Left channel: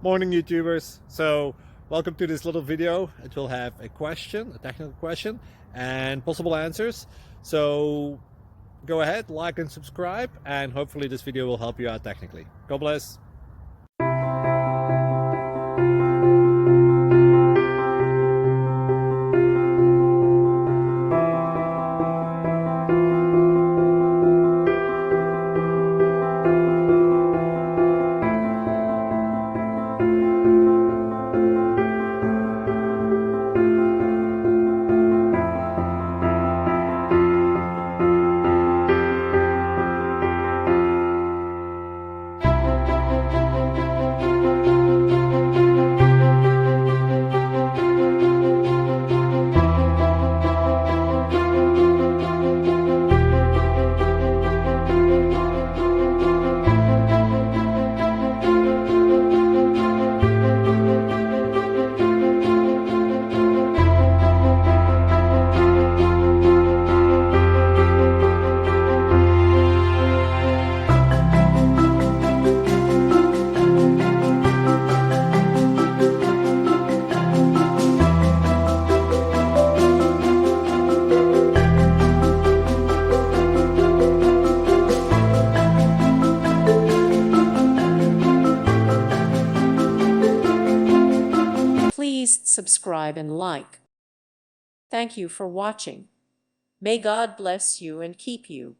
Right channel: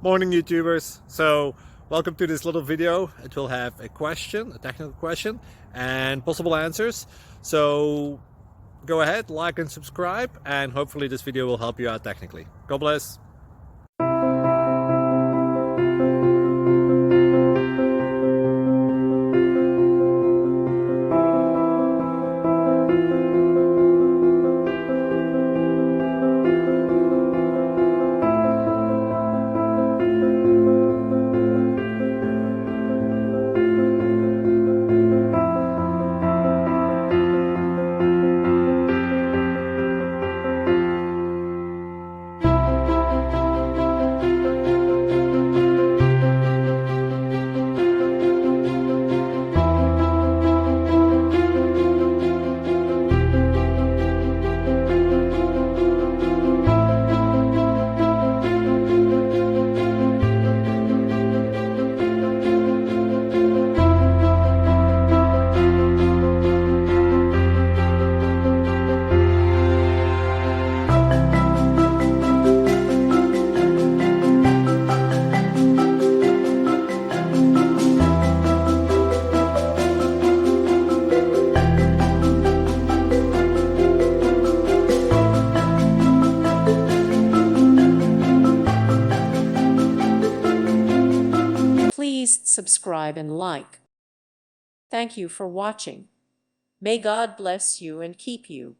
Morning YouTubers. So welcome to this little video. It will have a question, a technical question, and possible answers. So go ahead, like and subscribe, and hopefully this video will help you out technically. God bless. Please subscribe and like. Thank you for watching. May God bless you and keep you.